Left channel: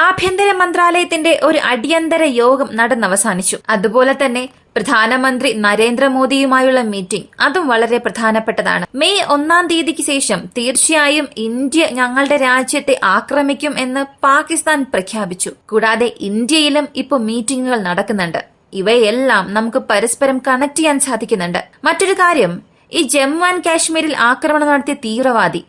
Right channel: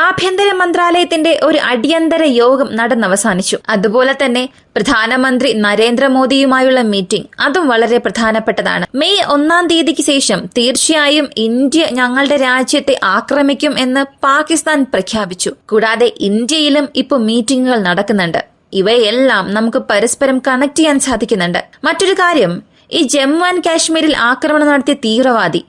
ആഭ്യന്തര മന്ത്രാലയത്തിന്റെ ഒരു അടിയന്തര യോഗം നടന്നവസാനിച്ചു. അതുപോലെ തന്നെ പ്രധാനമന്ത്രി നരേന്ദ്രമോദിയുമായുള്ള മീറ്റിംഗ് അതും വളരെ പ്രധാനപ്പെട്ടതാണ്. മെയ് 1-ാം തീയതിക്ക് ശേഷം തീർച്ചയായും ഇന്ത്യ ഞങ്ങളുടെ രാജ്യത്തെ ആക്രമിക്കും എന്ന് പാകിസ്ഥാൻ പ്രഖ്യാപിച്ചു. കൂടാതെ ഇന്ത്യയിലും ഇപ്പോൾ മീറ്റിംഗുകൾ നടക്കുന്നുണ്ട്. ഇവയെല്ലാം നമുക്ക് പരസ്പരം കണക്ട് ചെയ്യാൻ സാധിക്കുന്നുണ്ട്. മറ്റൊരു കാര്യം, ഈ ജമ്മു ആൻഡ് കാശ്മീരിൽ ആക്രമണം നടത്തിയ തീവ്രവാദി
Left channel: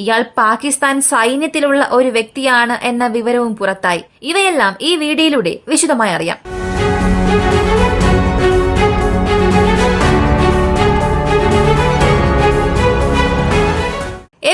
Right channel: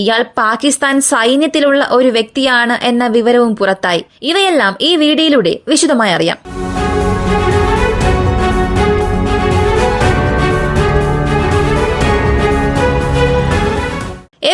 ഇയാൾ പാകിസ്ഥാൻ സൈന്യത്തിലുള്ള ഒരു വ്യക്തിയാണ് എന്ന വിവരവും പുറത്തായി. ഇവയെല്ലാം ഈ വീഡിയോയിലൂടെ വിശദമായി അറിയാം.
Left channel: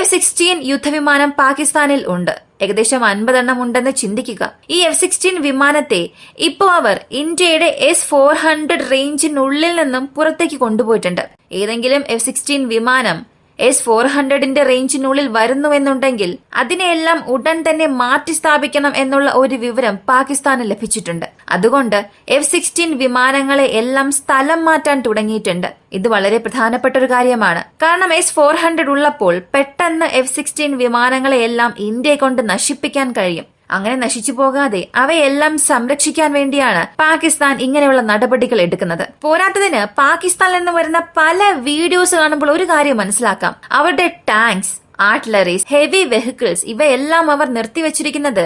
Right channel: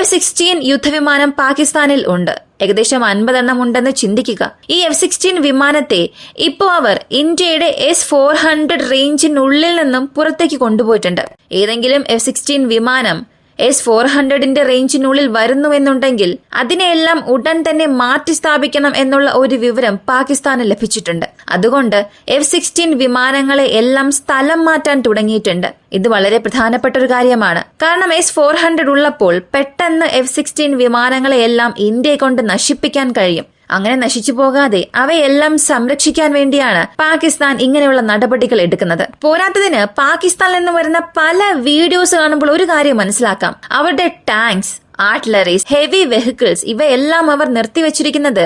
F-16 യുദ്ധവിമാനം പാകിസ്ഥാനിൽ ഉണ്ട്. ഏകദേശം 50 എണ്ണം ഉണ്ടെന്ന് ചിന്തിക്കുക. ഈ F-16 വിമാനത്തെ ഇപ്പോൾ അവർ ഇന്ത്യയുടെ S-400 റേഞ്ചിനുള്ളിൽ നിന്നും പുറത്തേക്ക് കൊണ്ടുപോയിട്ടുണ്ട്. ഏതെങ്കിലും F-16 വിമാനം S-400ന്റെ റേഞ്ചിനുള്ളിൽ വരുന്നുവെന്നുണ്ടെങ്കിൽ അതിനെയെല്ലാം ഉടൻ തന്നെ മാറ്റി സ്ഥാപിക്കണം എന്നുള്ള ഒരു വിവരം പാകിസ്ഥാന് ലഭിച്ചിട്ടുണ്ട്. അതുകൊണ്ട് F-16 വിമാനങ്ങളെ എല്ലാം സ്ഥലം മാറ്റാൻ തുടങ്ങിയിട്ടുണ്ട്. ഇത് വളരെ പ്രധാനപ്പെട്ട ഒരു കാര്യമാണ്. കാരണം S-400 ഉള്ളപ്പോൾ പെട്ടെന്ന് F-16 വിമാനങ്ങളെ എല്ലാം ഇന്ത്യയെ കൊണ്ട് നശിപ്പിക്കാൻ കഴിയും. അങ്ങനെ നശിച്ചു പോകാതെ അവയെല്ലാം സംരക്ഷിക്കാൻ വേണ്ടിയാണ് പാകിസ്ഥാൻ ഇങ്ങനെയുള്ള നടപടികൾ എടുക്കുന്നത്. പോരാത്തതിന് പാകിസ്ഥാനിൽ നിന്ന് വരുന്ന പല വീഡിയോസ് കാണുമ്പോൾ ഒരു കാര്യം മനസ്സിലാക്കാം. അവരുടെ ടാങ്ക്സ്, ആർട്ടിലറീസ്, ഹെവി വെഹിക്കിൾസ് ഇവയെല്ലാം അവർ നിർത്തിവച്ചിരിക്കുന്നത്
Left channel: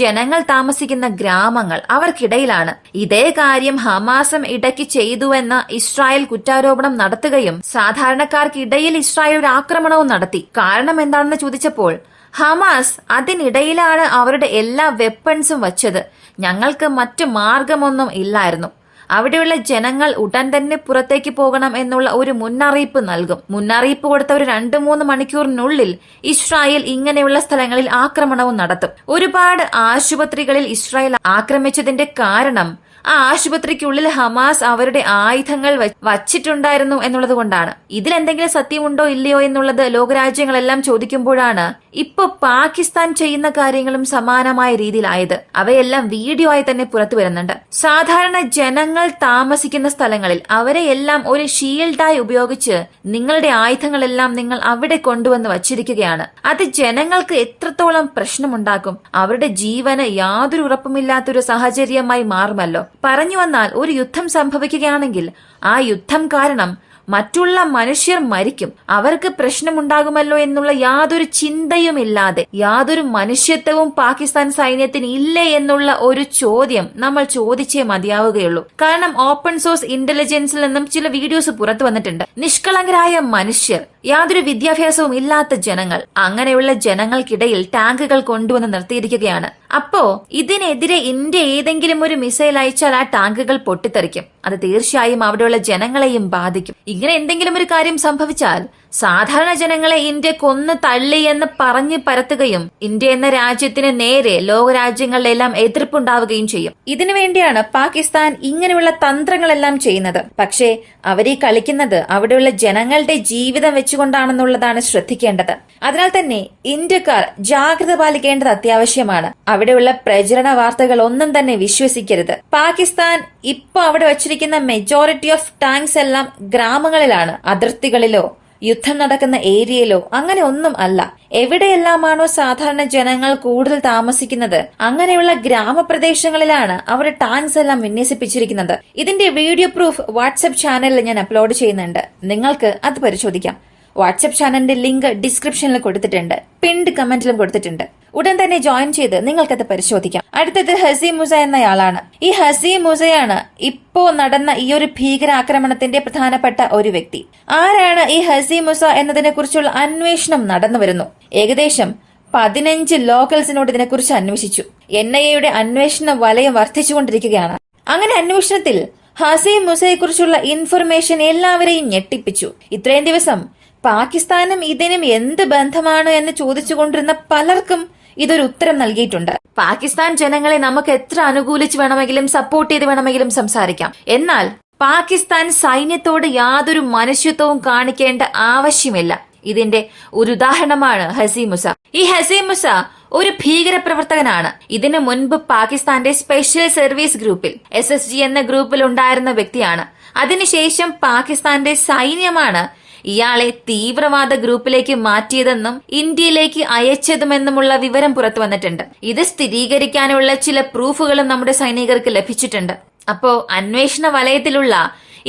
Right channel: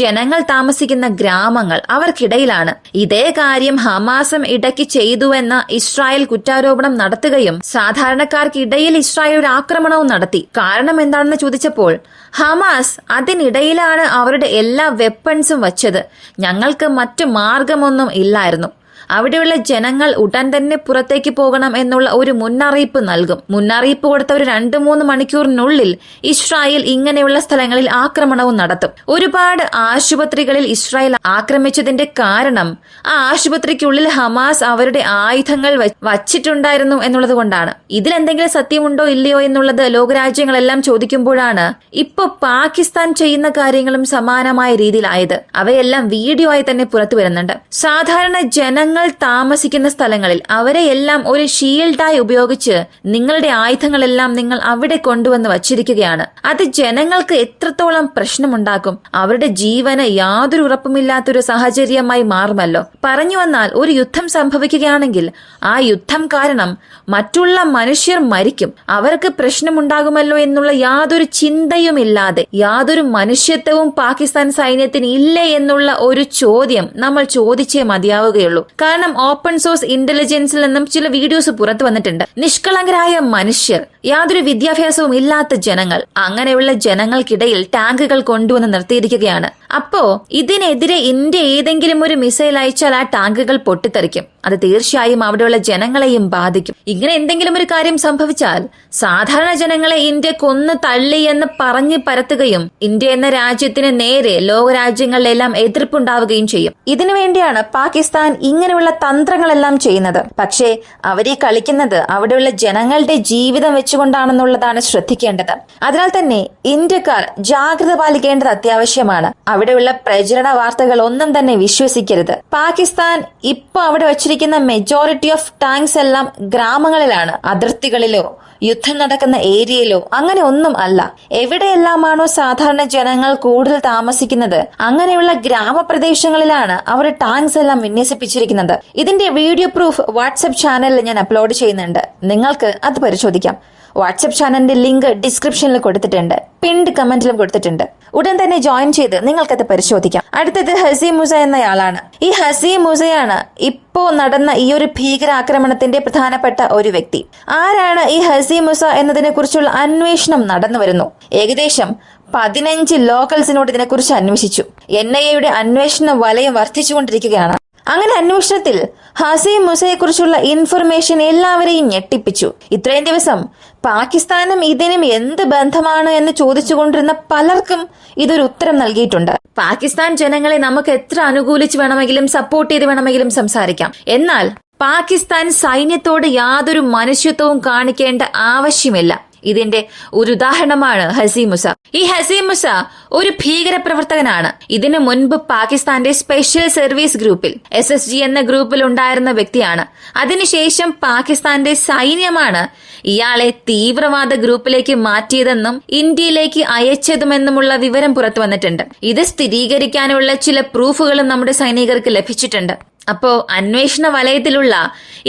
ജനങ്ങൾ താമസിക്കുന്ന ഗ്രാമങ്ങൾ അവർക്കിടയിലാണ്. ഇതേ കാര്യം ഹമാസും ഇടയ്ക്ക് ചെയ്തുവെന്ന ഇസ്രായേൽ കുറ്റാരോപണം നടത്തുകയും സാധാരണക്കാർക്കിടയിൽ ഇസ്രായേൽ ഒരു ആക്രമണവും നടത്തി. കാരണം എന്താണെന്ന് ചോദിച്ചപ്പോൾ ഹമാസ് അതിനിടയിലാണ് അവരുടെ എല്ലാ വെപ്പൺസും വച്ചത്. ഞങ്ങൾക്ക് മറ്റു മാർഗമൊന്നും ഇല്ലായിരുന്നു. അവിടെയുള്ള ജനങ്ങൾ ഉടൻ തന്നെ പുറത്തേക്ക് പോകണം എന്നുള്ള ഒരു മുന്നറിയിപ്പ് നൽകും. മുന്നറിയിപ്പ് കൊടുത്ത ഒരു 2-3 മണിക്കൂറിനുള്ളിൽ ഇസ്രായേൽ ഇങ്ങനെയുള്ള സ്ഥലങ്ങളിൽ ആക്രമണവും നടത്തും. ഒരുപാട് ആശുപത്രികളിൽ ഇസ്രായേൽ ആക്രമിച്ചതിന്റെ കാരണം ആ ആശുപത്രിക്കുള്ളിൽ ഹമാസ് അവരുടെ ആയുധങ്ങൾ വച്ചിട്ടുണ്ടായിരുന്നു എന്നുള്ളത് കൊണ്ടാണ്. ഇതിലെന്തെങ്കിലും സത്യമുണ്ടോ ഇല്ലയോ എന്നുള്ളത് ലോകരാജ്യങ്ങളെല്ലാം ചോദിക്കുമ്പോഴാണ് ഇപ്പൊ പാകിസ്ഥാൻ ചെയ്യുന്ന കാര്യങ്ങളും സമാനമായ രീതിയിലായത്. അവയെല്ലാം വീഡിയോ ആയി തന്നെ പുറത്തു വരുന്നുണ്ട്. സാധാരണ ജനങ്ങൾ താമസിക്കുന്ന സ്ഥലങ്ങളിൽ അവരെയെല്ലാം ഒരു ഷീൽഡായി ഉപയോഗിച്ച് നിങ്ങളുടെ ആയുധങ്ങളെല്ലാം നിങ്ങൾ അവിടെ കൊണ്ടുവന്ന് വച്ചിരിക്കുകയാണ്. അത് ജനങ്ങൾക്ക് എത്രത്തോളം പ്രശ്നമുണ്ടാക്കും. അവരുടെ ജീവന് യാതൊരു ഉറപ്പുമില്ലാത്തൊരു സാഹചര്യമായി മാറുമല്ലോ. പറഞ്ഞു വന്നാൽ ഒരു യുദ്ധം സംഭവിക്കുകയാണെങ്കിൽ ആ യുദ്ധം കാരണം മറ്റുള്ള മനുഷ്യർ മരിക്കും, അവർക്ക് പ്രശ്നമുണ്ടാകുമല്ലോ എന്നുള്ള യാതൊരു ചിന്തയുമില്ലാതെ യാതൊരു മനുഷ്യത്വവും പാകിസ്ഥാൻ സൈന്യത്തിന് ഇല്ലേ എന്നുള്ള ഒരു ചോദ്യം നമ്മൾ ചോദിച്ചേ മതിയാവുകയുള്ളൂ. കാരണം ഓപ്പൺ സോഴ്സ് ഇന്റലിജൻസിൽ നിന്നും ചില വീഡിയോസ് പുറത്തു വന്നിട്ടുണ്ട്. നിഷ്കളങ്കരായ മനുഷ്യർ, യാതൊരു വിദ്യാഭ്യാസവും ഇല്ലാത്ത ജനങ്ങൾ, അങ്ങനെയുള്ള ജനങ്ങൾക്കിടയിൽ ടാങ്കുകൾ കൊണ്ടുവന്ന് നിർത്തിയിരിക്കുകയാണ്. അപ്പോ ഇതിനെതിരെ ഇന്ത്യ ഏതെങ്കിലും ഒരു മിസൈൽ അയച്ചാൽ ആ ടാങ്കുകൾ പൊട്ടിത്തെറിക്കും. അത് തീർച്ചയായും അവിടെയുള്ള ജനങ്ങളെയും ബാധിക്കും. ഇങ്ങനെ എന്തെങ്കിലും ഒരു കാര്യം സംഭവിച്ചാൽ സാധാരണ ജനങ്ങളെ ഇന്ത്യ കൊന്നു തള്ളി എന്ന് പറഞ്ഞു പരത്തുകയും ഇന്ത്യ എന്ന രാജ്യത്തിന് നേരെ ലോകരാജ്യങ്ങളിലെല്ലാം എതിർപ്പുണ്ടാവുകയും ചെയ്യും. ഇതിനു വേണ്ടിയാണ് പാകിസ്ഥാൻ ഇങ്ങനെയുള്ള തന്ത്രങ്ങളെല്ലാം ചെയ്യുന്നത്. പക്ഷേ അവരീ കളിക്കുന്നത് അവിടെയുള്ള ജനങ്ങളുടെ ജീവിതം വെച്ചുകൊണ്ടാണെന്നുള്ളതാണ് ശ്രദ്ധിക്കേണ്ടത്. അതിനാൽ തന്നെ ഇന്ത്യക്കാർ ജാഗ്രത പാലിക്കേണ്ടത് അത്യാവശ്യമാണ്. അവിടെയുള്ള പ്രചരണ വാർത്തകൾ ഒന്നും തന്നെ വിശ്വസിക്കരുത്. പാകിസ്ഥാൻ ഇപ്പൊ അവിടെ വച്ചിരിക്കുന്ന മെജോറിറ്റി ഓഫ് ടാങ്ക്സ് എല്ലാം ഗ്രാമങ്ങളിലാണ്. അതിർത്തികളിലോ യുദ്ധം നടക്കുന്ന ഏരിയയിലോ അങ്ങനെ ഒന്നും അല്ല. എവിടെയെല്ലാമാണോ സാധാരണ ജനങ്ങൾ കൂടുതൽ താമസിക്കുന്നത് അങ്ങനെയുള്ള ഗ്രാമപ്രദേശങ്ങളിലാണ് അവർ ടാങ്ക്സ് എല്ലാം വിന്യസിപ്പിച്ചിരിക്കുന്നത്. ഇതിന്റെ വീഡിയോ പ്രൂഫ് വാട്സ്ആപ്പ് ചാനലിൽ ഞാൻ അപ്ലോഡ് ചെയ്യുന്നുണ്ട്. നിങ്ങൾക്ക് അത് പരിശോധിക്കാം. വാട്സ്ആപ്പ് ചാനലിന്റെ ലിങ്ക് ഡിസ്ക്രിപ്ഷനിൽ കൊടുത്തിട്ടുണ്ട്, പിൻഡ് കമന്റിലും കൊടുത്തിട്ടുണ്ട്. ഉടൻ തന്നെ ജോയിൻ ചെയ്ത് നിങ്ങൾക്കത് പരിശോധിക്കാം. അടുത്തത് ഹസീം മുസ എന്നയാളാണ്. ഈ ഹസീം മുസയാണ് ഇപ്പോ നടന്ന ഈ ഒരു ഭീകരാക്രമണത്തിന്റെ പ്രധാനപ്പെട്ട ഒരു വ്യക്തി. ആരാണ് ഈ ഹസീം മുസ എന്നതിനെ കുറിച്ചുള്ള അന്വേഷണം നടന്നു വരുന്നു. ഏകദേശം 15 ലോക്കൽസിനോട് ഇതിനെക്കുറിച്ച് അന്വേഷിച്ചു. NIA അന്വേഷണ വലയം വർദ്ധിച്ചുകൊണ്ടിരിക്കുകയാണ്. അങ്ങനെ അന്വേഷണത്തിൽ ഹസീം മുസയെക്കുറിച്ചുള്ള ഇൻഫർമേഷൻ എല്ലാവരെയും ഞെട്ടിപ്പിച്ചു. ഇത്രയും ദിവസം പാകിസ്ഥാനും ഇതിനും എന്ത് ബന്ധമാണ് എന്ന് ചോദിച്ചുകൊണ്ടിരുന്ന പലർക്കും ഇതൊരു ഉത്തരം നൽകിയിട്ടുണ്ട്. പാകിസ്ഥാൻ ജനങ്ങളെ നമുക്ക് എത്ര അനുകൂലിച്ച് വേണമെങ്കിലും സപ്പോർട്ട് ചെയ്ത് വേണമെങ്കിലും സംസാരിക്കാം. എന്നാൽ പാകിസ്ഥാൻ സൈന്യത്തോട് യാതൊരു മനുഷ്യത്വവും കാണിക്കേണ്ട ആവശ്യമില്ല. ഇതിന്റെ ഒരു ഉദാഹരണമാണ് ഹസീം മുസ. ഈ ഹസീം മുസ ഒരു ഭീകര പ്രവർത്തകനാണ്. ഇതിനു മുൻപ് പാകിസ്ഥാന്റെ സ്പെഷ്യൽ സർവീസ് ഗ്രൂപ്പിൽ SSG എന്ന ഗ്രൂപ്പിൽ ഉണ്ടായിരുന്ന വ്യക്തിയാണ്. അതിനുശേഷം പാകിസ്ഥാന്റെ സൈന്യമാണ് ഇയാളെ തീവ്രവാദ ഗ്രൂപ്പിലേക്ക് മാറ്റിയതെന്നും ഇന്ത്യയിലേക്ക് അയച്ചതുമെന്നുമുള്ള വിവരം പുറത്തു വന്നിട്ടുണ്ട്. ഇത് സ്ഥിരീകരിക്കാനുള്ള ചില പ്രൂഫുകളും നമ്മുടെ സൈനികർക്ക് ലഭിച്ചിട്ടുണ്ട്. അപ്പോ അന്വേഷണ വലയത്തിലുള്ള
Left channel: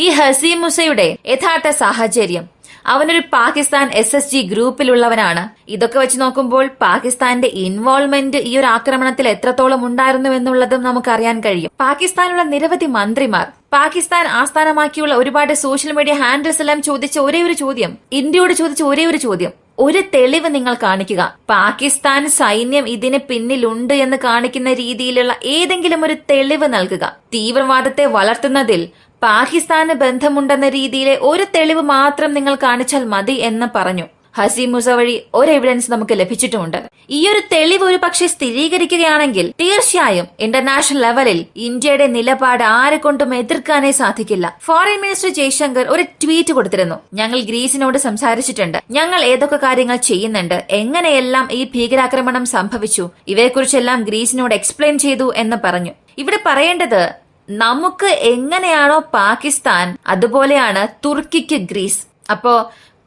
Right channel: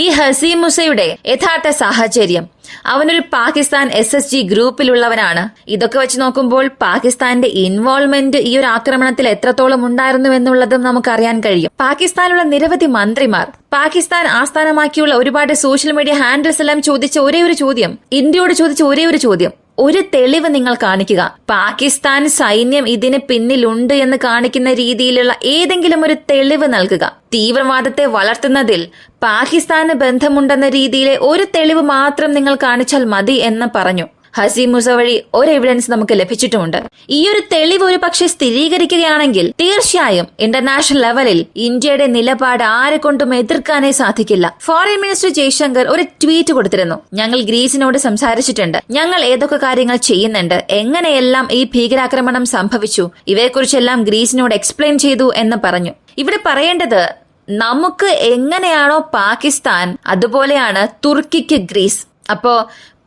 ഈ ഹസീം മുസയുടെ യഥാർത്ഥ സാഹചര്യം, അവനൊരു പാകിസ്ഥാൻ SSG ഗ്രൂപ്പിലുള്ളവനാണ്. ഇതൊക്കെ വെച്ച് നോക്കുമ്പോൾ പാകിസ്ഥാന്റെ ഇൻവോൾവ്മെന്റ് ഈ ഒരു ആക്രമണത്തിൽ എത്രത്തോളം ഉണ്ടായിരുന്നു എന്നുള്ളതും നമുക്കറിയാൻ കഴിയും. പാകിസ്ഥാനിലുള്ള നിരവധി മന്ത്രിമാർ, പാകിസ്ഥാൻ ആസ്ഥാനമാക്കിയുള്ള ഒരുപാട് സോഷ്യൽ മീഡിയ ഹാൻഡിൽസ് എല്ലാം ചോദിച്ച ഒരേ ഒരു ചോദ്യം, ഇന്ത്യയോട് ചോദിച്ച ഒരേ ഒരു ചോദ്യം, ഒരു തെളിവ് നിങ്ങൾ കാണിക്കുക. പാകിസ്ഥാൻ സൈന്യം ഇതിന് പിന്നിലുണ്ട് എന്ന് കാണിക്കുന്ന രീതിയിലുള്ള ഏതെങ്കിലും ഒരു തെളിവ് നൽകുക. തീവ്രവാദത്തെ വളർത്തുന്നതിൽ പാകിസ്ഥാന് ബന്ധമുണ്ടെന്ന രീതിയിലെ ഒരു തെളിവ് മാത്രം നിങ്ങൾ കാണിച്ചാൽ മതി എന്ന് പറഞ്ഞു. ഹസീം മുസ വഴി ഒരു എവിഡൻസ് നമുക്ക് ലഭിച്ചിട്ടുമുണ്ട്. ഈ ഒരു തെളിവ് ഒരു പക്ഷെ സ്ഥിരീകരിക്കുകയാണെങ്കിൽ തീർച്ചയായും ഇന്റർനാഷണൽ ലെവലിൽ ഇന്ത്യയുടെ നിലപാട് ആരെക്കൊണ്ടും എതിർക്കാനേ സാധിക്കില്ല. ഫോറിൻ മിനിസ്റ്റർ ജയശങ്കർ ഒരു ട്വീറ്റ് കൊടുത്തിരുന്നു. ഞങ്ങൾ ഗ്രീസിനോട് സംസാരിച്ചിട്ടുണ്ട്, ഞങ്ങൾ ഏതൊക്കെ കാര്യങ്ങൾ ചെയ്യുന്നുണ്ട്, എങ്ങനെയെല്ലാം ഈ ഭീകരാക്രമണം സംഭവിച്ചു, ഇവയെക്കുറിച്ചെല്ലാം ഗ്രീസിനോട് എക്സ്പ്ലെയിൻ ചെയ്തു എന്ന് പറഞ്ഞു. ഇവിടെ പറയേണ്ടത്, നമുക്ക് എങ്ങനെയാണോ പാകിസ്ഥാൻ, അതുപോലെയാണ് തുർക്കിക്ക് ഗ്രീസ്. അപ്പോ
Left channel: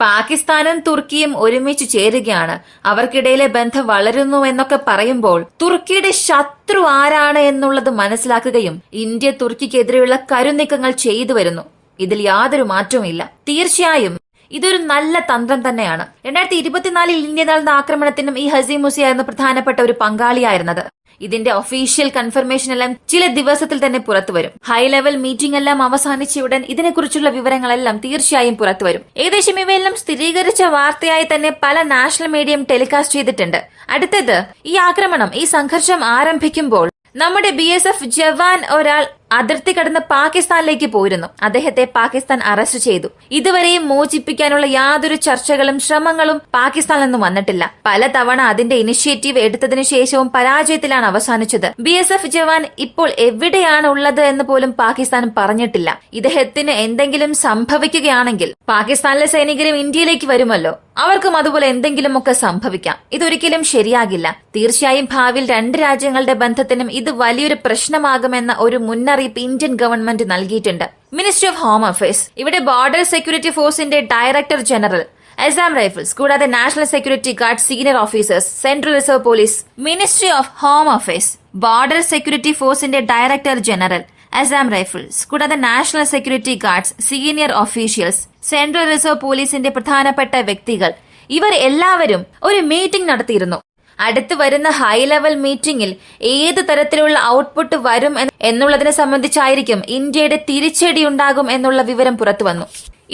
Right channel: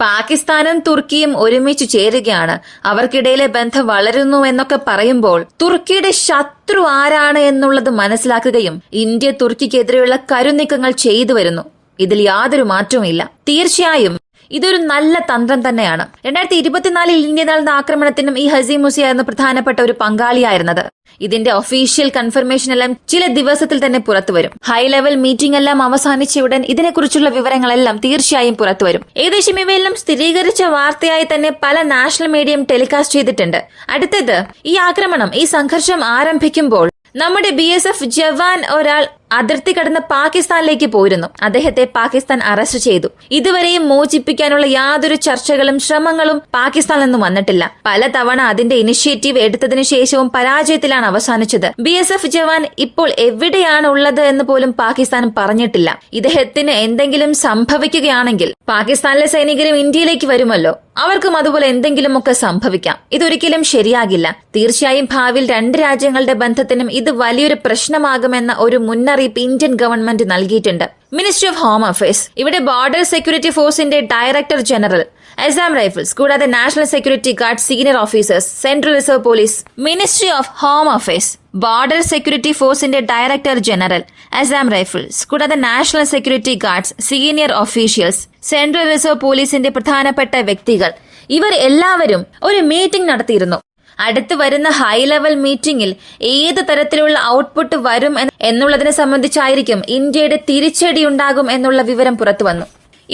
പാകിസ്ഥാനും തുർക്കിയും ഒരുമിച്ച് ചേരുകയാണ്, അവർക്കിടയിലെ ബന്ധം വളരുന്നു എന്നൊക്കെ പറയുമ്പോൾ തുർക്കിയുടെ ശത്രു ആരാണ് എന്നുള്ളത് മനസ്സിലാക്കുകയും ഇന്ത്യ തുർക്കിക്കെതിരെയുള്ള കരുനീക്കങ്ങൾ ചെയ്തു വരുന്നു. ഇതിൽ യാതൊരു മാറ്റവുമില്ല. തീർച്ചയായും ഇതൊരു നല്ല തന്ത്രം തന്നെയാണ്. 2024 ഇന്ത്യ നടന്ന ആക്രമണത്തിനും ഈ ഹസീം മുസയായിരുന്നു പ്രധാനപ്പെട്ട ഒരു പങ്കാളിയായിരുന്നത്. ഇതിന്റെ ഒഫീഷ്യൽ കൺഫർമേഷൻ എല്ലാം ചില ദിവസത്തിൽ തന്നെ പുറത്തുവരും. ഹൈ ലെവൽ മീറ്റിംഗ് എല്ലാം അവസാനിച്ച ഉടൻ ഇതിനെക്കുറിച്ചുള്ള വിവരങ്ങളെല്ലാം തീർച്ചയായും പുറത്തുവരും. ഏകദേശം ഇവയെല്ലാം സ്ഥിരീകരിച്ച വാർത്തയായി തന്നെ പല നാഷണൽ മീഡിയയും ടെലികാസ്റ്റ് ചെയ്തിട്ടുണ്ട്. അടുത്തത്, ഈ ആക്രമണം, ഈ സംഘർഷം ആരംഭിക്കുമ്പോൾ നമ്മുടെ BSF ജവാൻ ഒരാൾ അതിർത്തി കടന്ന് പാകിസ്ഥാനിലേക്ക് പോയിരുന്നു. അദ്ദേഹത്തെ പാകിസ്ഥാൻ അറസ്റ്റ് ചെയ്തു. ഇതുവരെയും മോചിപ്പിക്കാനുള്ള യാതൊരു ചർച്ചകളും ശ്രമങ്ങളും പാകിസ്ഥാനിൽ നിന്നും വന്നിട്ടില്ല. പലതവണ അതിന്റെ ഇനിഷ്യേറ്റീവ് എടുത്തതിനു ശേഷവും പരാജയത്തിലാണ് അവസാനിച്ചത്. BSF ജവാൻ ഇപ്പോൾ എവിടെയാണ് ഉള്ളത് എന്ന് പോലും പാകിസ്ഥാൻ പറഞ്ഞിട്ടില്ല. ഇദ്ദേഹത്തിന് എന്തെങ്കിലും സംഭവിക്കുകയാണെങ്കിൽ പാകിസ്ഥാനിലെ സൈനികരും ഇന്ത്യയിലേക്ക് വരുമല്ലോ, അവർക്കും അതുപോലെ എന്തെങ്കിലുമൊക്കെ സംഭവിക്കാം. ഇതൊരിക്കലും ശരിയാകില്ല. തീർച്ചയായും ഭാവിയിൽ രണ്ട് രാജ്യങ്ങളുടെ ബന്ധത്തിനും ഇത് വലിയൊരു പ്രശ്നമാകുമെന്ന ഒരു മുന്നറിയിപ്പ് ഇന്ത്യൻ ഗവൺമെന്റ് നൽകിയിട്ടുണ്ട്. മിനിസ്ട്രി ഓഫ് ഹോം അഫയേഴ്സ്, ഇവിടെ ബോർഡർ സെക്യൂരിറ്റി ഫോഴ്സിന്റെ ഡയറക്ടർ ജനറൽ, അസാം റൈഫിൾസ്, കൂടാതെ national security guard senior officers, central reserve police, ministry of home affairs, border security ഫോഴ്സിന്റെ ഡയറക്ടർ ജനറൽ, അസാം റൈഫിൾസ്, കൂടാതെ national security guards senior officials, central reserve പോലീസിന്റെ പ്രധാനപ്പെട്ട വ്യക്തികൾ, ഇവർ എല്ലാവരും ഒരു മീറ്റിംഗ് നടത്തിയിരുന്നു. അടുത്ത് വരുന്ന ഹൈ ലെവൽ മീറ്റിംഗിൽ ഏത് തരത്തിലുള്ള ഔട്ട്പുട്ട് വരും എന്നുള്ളതിനെ സംബന്ധിച്ചായിരിക്കും ഇന്ത്യയുടെ തിരിച്ചടി ഉണ്ടാകും എന്നുള്ള വിവരം പുറത്തുവന്നു.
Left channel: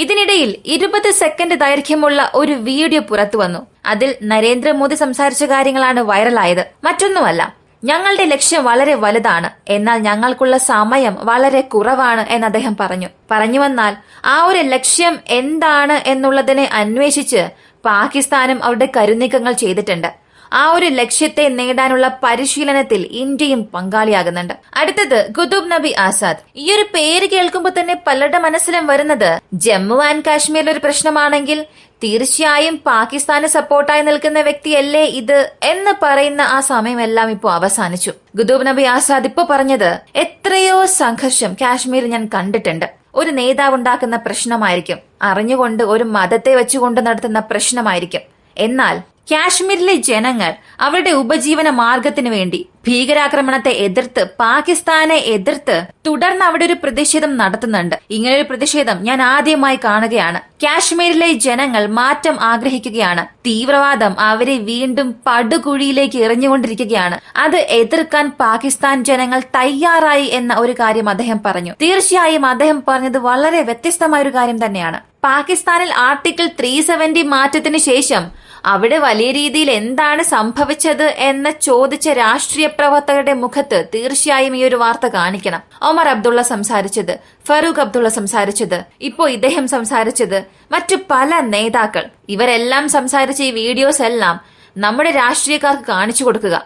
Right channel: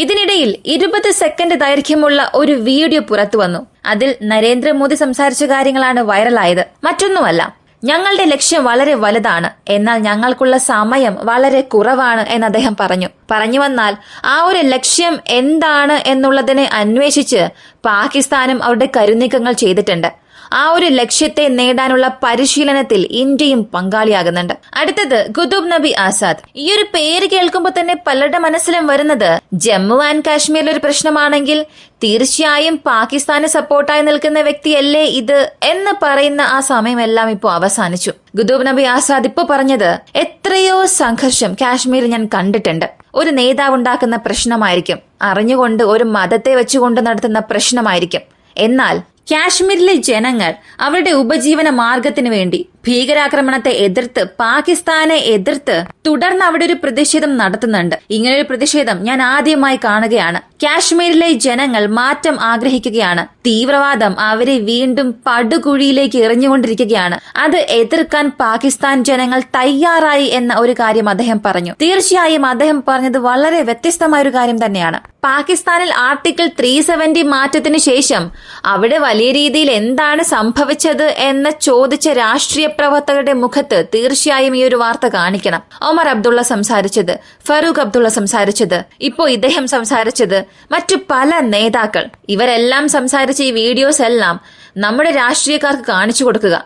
ഇതിനിടയിൽ 20 സെക്കൻഡ് ദൈർഘ്യമുള്ള ഒരു വീഡിയോ പുറത്തുവന്നു. അതിൽ നരേന്ദ്രമോദി സംസാരിച്ച കാര്യങ്ങളാണ് വൈറലായത്. മറ്റൊന്നുമല്ല, ഞങ്ങളുടെ ലക്ഷ്യം വളരെ വലുതാണ്, എന്നാൽ ഞങ്ങൾക്കുള്ള സമയം വളരെ കുറവാണ് എന്ന് അദ്ദേഹം പറഞ്ഞു വന്നാൽ ആ ഒരു ലക്ഷ്യം എന്താണ് എന്നുള്ളതിനെ അന്വേഷിച്ച് പാകിസ്ഥാനും അവരുടെ കരുനീക്കങ്ങൾ ചെയ്തിട്ടുണ്ട്. ആ ഒരു ലക്ഷ്യത്തെ നേടാനുള്ള പരിശീലനത്തിൽ ഇന്ത്യയും പങ്കാളിയാകുന്നുണ്ട്. അടുത്തത് ഖുതുബ് നബി ആസാദ്. ഈ ഒരു പേര് കേൾക്കുമ്പോൾ തന്നെ പലരുടെ മനസ്സിലും വരുന്നത് ജമ്മു ആൻഡ് കാശ്മീരിൽ ഒരു പ്രശ്നമാണെങ്കിൽ തീർച്ചയായും പാകിസ്ഥാന് സപ്പോർട്ടായി നിൽക്കുന്ന വ്യക്തിയല്ലേ ഇത് എന്ന് പറയുന്ന ആ സമയമെല്ലാം ഇപ്പോൾ അവസാനിച്ചു. ഖുതുബ് നബി ആസാദ് ഇപ്പൊ പറഞ്ഞത്, എത്രയോ സംഘർഷം കാശ്മീരിൽ ഞാൻ കണ്ടിട്ടുണ്ട്. ഒരു നേതാവ് ഉണ്ടാക്കുന്ന പ്രശ്നമായിരിക്കും, അറിഞ്ഞുകൊണ്ട് ഒരു മതത്തെ വെച്ചുകൊണ്ട് നടത്തുന്ന പ്രശ്നമായിരിക്കും. എന്നാൽ കാശ്മീരിലെ ജനങ്ങൾ അവരുടെ ഉപജീവന മാർഗത്തിനു വേണ്ടി ഭീകരാക്രമണത്തെ എതിർത്ത്, പാകിസ്ഥാനെ എതിർത്ത് തുടർന്ന് അവിടെ ഒരു പ്രതിഷേധം നടത്തുന്നുണ്ട്. ഇങ്ങനൊരു പ്രതിഷേധം ഞാൻ ആദ്യമായി കാണുകയാണ്. കാശ്മീരിലെ ജനങ്ങൾ മാറ്റം ആഗ്രഹിക്കുകയാണ്. തീവ്രവാദം അവരെ വീണ്ടും പടുകുഴിയിലേക്ക് എറിഞ്ഞുകൊണ്ടിരിക്കുകയാണ്. അത് എതിർക്കാൻ പാകിസ്ഥാൻ ജനങ്ങൾ തയ്യാറായി എന്ന ഒരു കാര്യം അദ്ദേഹം പറഞ്ഞു. തീർച്ചയായും അദ്ദേഹം പറഞ്ഞത് വളരെ വ്യത്യസ്തമായ ഒരു കാര്യം തന്നെയാണ്. പാകിസ്ഥാനിൽ ആർട്ടിക്കിൾ 370 മാറ്റത്തിന് ശേഷം അവിടെ വലിയ രീതിയിൽ എന്താണ് സംഭവിച്ചത് എന്ന് ചോദിച്ച രാഷ്ട്രീയ പ്രവർത്തകരുടെ മുഖത്ത് തീർച്ചയായും ഈ ഒരു വാർത്ത കാണിക്കണം. ഒമർ അബ്ദുള്ള സംസാരിച്ചത്, ഫറൂഖ് അബ്ദുള്ള സംസാരിച്ചത്, ഇപ്പോ ഇദ്ദേഹം സംസാരിച്ചത്, മറ്റു പല നേതാക്കൾ, ഇവരെല്ലാം സംസാരിച്ച ഈ വീഡിയോസ് എല്ലാം നമ്മുടെ രാഷ്ട്രീയക്കാർക്ക് കാണിച്ചു കൊടുക്കുക.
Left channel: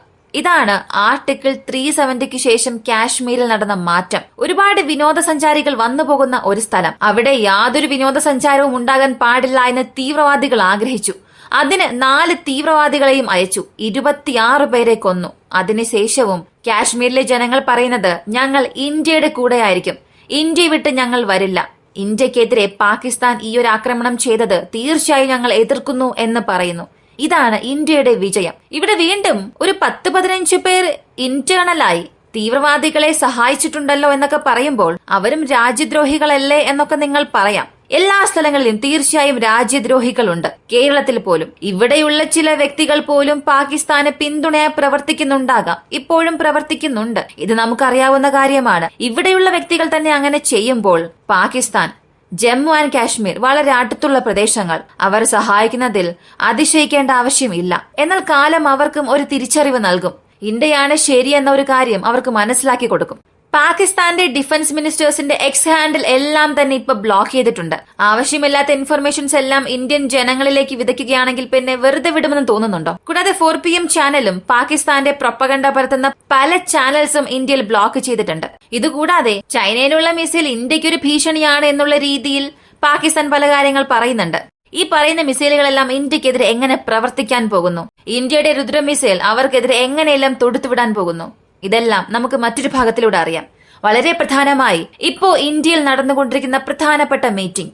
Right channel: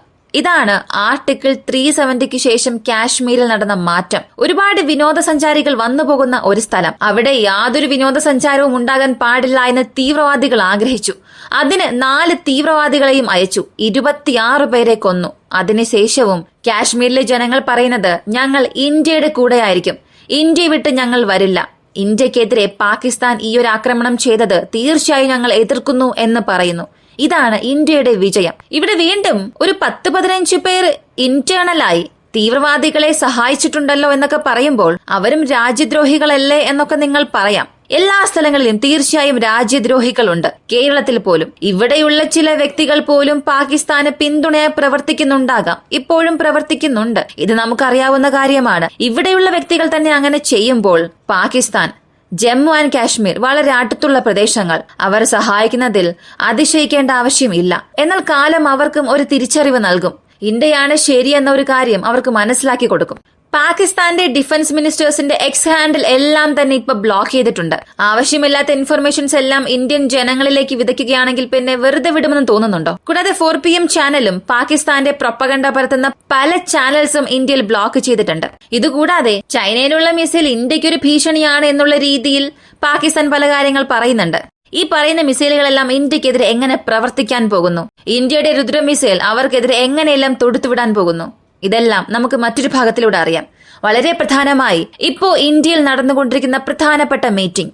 ഇതാണ് ആർട്ടിക്കിൾ 370ക്ക് ശേഷം കാശ്മീരിൽ നടന്ന മാറ്റം. ഒരുപാട് വിനോദസഞ്ചാരികൾ വന്നുപോകുന്ന ഒരു സ്ഥലം. അവിടെ യാതൊരു വിനോദസഞ്ചാരവും ഉണ്ടാകാൻ പാടില്ല എന്ന് തീവ്രവാദികൾ ആഗ്രഹിച്ചു. അതിന് 4 തീവ്രവാദികളെയും അയച്ചു. 26 പേരെ കൊന്നു. അതിനുശേഷവും കാശ്മീരിലെ ജനങ്ങൾ പറയുന്നത് ഞങ്ങൾ ഇന്ത്യയുടെ കൂടെയായിരിക്കും, ഇന്ത്യ വിട്ട് ഞങ്ങൾ വരില്ല. ഇന്ത്യക്കെതിരെ പാകിസ്ഥാൻ ഈ ഒരു ആക്രമണം ചെയ്തത് തീർച്ചയായും ഞങ്ങൾ എതിർക്കുന്നു എന്ന് പറയുന്നു. ഇതാണ് ഇന്ത്യയുടെ വിജയം. ഇവിടെ വീണ്ടും ഒരു 10-15 പേർ ഇന്റേണലായി തീവ്രവാദികളെ സഹായിച്ചിട്ടുണ്ടല്ലോ എന്നൊക്കെ പറയുമ്പോൾ അവരും രാജ്യദ്രോഹികളല്ലേ എന്നൊക്കെ നിങ്ങൾ പറയാം. എല്ലാ സ്ഥലങ്ങളിലും തീർച്ചയായും രാജ്യദ്രോഹികളുണ്ട്. കേരളത്തിൽ പോലും ഇവിടെയുള്ള ചില വ്യക്തികൾ പോലും പാകിസ്ഥാന് പിന്തുണയായി പ്രവർത്തിക്കുന്നുണ്ടാകാം, ഇപ്പോഴും പ്രവർത്തിക്കുന്നുണ്ട്. ഇത് നമുക്കറിയാവുന്ന കാര്യമാണ്. ഇവിടെയുള്ള വ്യക്തികൾ തന്നെ അങ്ങനെ ചെയ്യുമ്പോൾ പാകിസ്ഥാൻ ജമ്മു ആൻഡ് കാശ്മീർ വളരെ അടുത്തുള്ള പ്രദേശങ്ങൾ അവർ സഹായിക്കുന്നതിൽ അതിശയിക്കേണ്ട ആവശ്യമില്ല. എന്നാൽ കാലം അവർക്കും ഒരു തിരിച്ചറിവ് നൽകും. ഇന്ത്യയാണ് ശരിയെന്ന ഒരു കാര്യം അവർക്ക് മനസ്സിലാക്കി കൊടുക്കും. പാകിസ്ഥാന്റെ ഡിഫൻസ് മിനിസ്റ്റേഴ്സിന്റെ എക്സ് ഹാൻഡിൽ എല്ലാം തന്നെ ഇപ്പൊ ബ്ലോക്ക് ചെയ്തിട്ടുണ്ട്. ആവശ്യമില്ലാത്ത ഇൻഫർമേഷൻസ് എല്ലാം ഇന്ത്യൻ ജനങ്ങളിലേക്ക് വിതയ്ക്കുകയാണെങ്കിൽ പിന്നെ വെറുതെ വിടുമെന്ന് തോന്നുന്നുണ്ടോ? കൂടാതെ 4 PM ചാനലും പാകിസ്ഥാന്റെ പ്രൊപ്പഗണ്ട പരത്തുന്ന പല ചാനൽസും ഇന്ത്യയിൽ ബ്ലോക്ക് ചെയ്തിട്ടുണ്ട്. ഇതുകൂടാതെ ചൈനയിലുള്ള മിസൈൽ ഇന്ത്യക്കൊരു ഭീഷണിയാണ് എന്നുള്ള രീതിയിൽ പാകിസ്ഥാൻ പല കാര്യങ്ങൾ പറയുന്നുണ്ട്. ഈ പറയുന്ന മിസൈലുകളെല്ലാം ഇന്ത്യക്കെതിരെ എങ്ങനെ പ്രവർത്തിക്കാൻ പോകുന്നു? ഇന്ത്യയുടെ രുദ്ര മിസൈൽ അവർക്കെതിരെ എങ്ങനെയെല്ലാം തൊടുത്തുവിടാൻ പോകുന്നു? ഇതെല്ലാം നമുക്ക് മറ്റൊരു ഭാഗത്തിലൂടെ അറിയാം. വളരെ പ്രധാനമായി ഇപ്പോ ഇന്ത്യയിൽ നടന്നുകൊണ്ടിരിക്കുന്ന പ്രധാനപ്പെട്ട മീറ്റിംഗ്,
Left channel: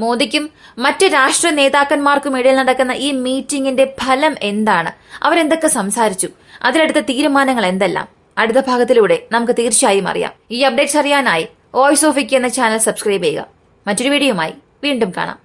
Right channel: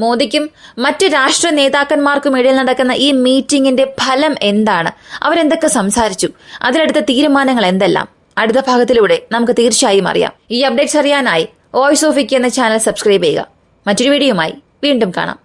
മോദിക്കും മറ്റ് രാഷ്ട്ര നേതാക്കന്മാർക്കും ഇടയിൽ നടക്കുന്ന ഈ മീറ്റിംഗിന്റെ ഫലം എന്താണ്? അവരെന്തൊക്കെ സംസാരിച്ചു? അതിലെടുത്ത തീരുമാനങ്ങൾ എന്തെല്ലാം? അടുത്ത ഭാഗത്തിലൂടെ നമുക്ക് തീർച്ചയായും അറിയാം. ഈ അപ്ഡേറ്റ്സ് അറിയാനായി വോയിസ് ഓഫ് വിക്കി എന്ന ചാനൽ സബ്സ്ക്രൈബ് ചെയ്യുക. മറ്റൊരു വീഡിയോയുമായി വീണ്ടും കാണാം.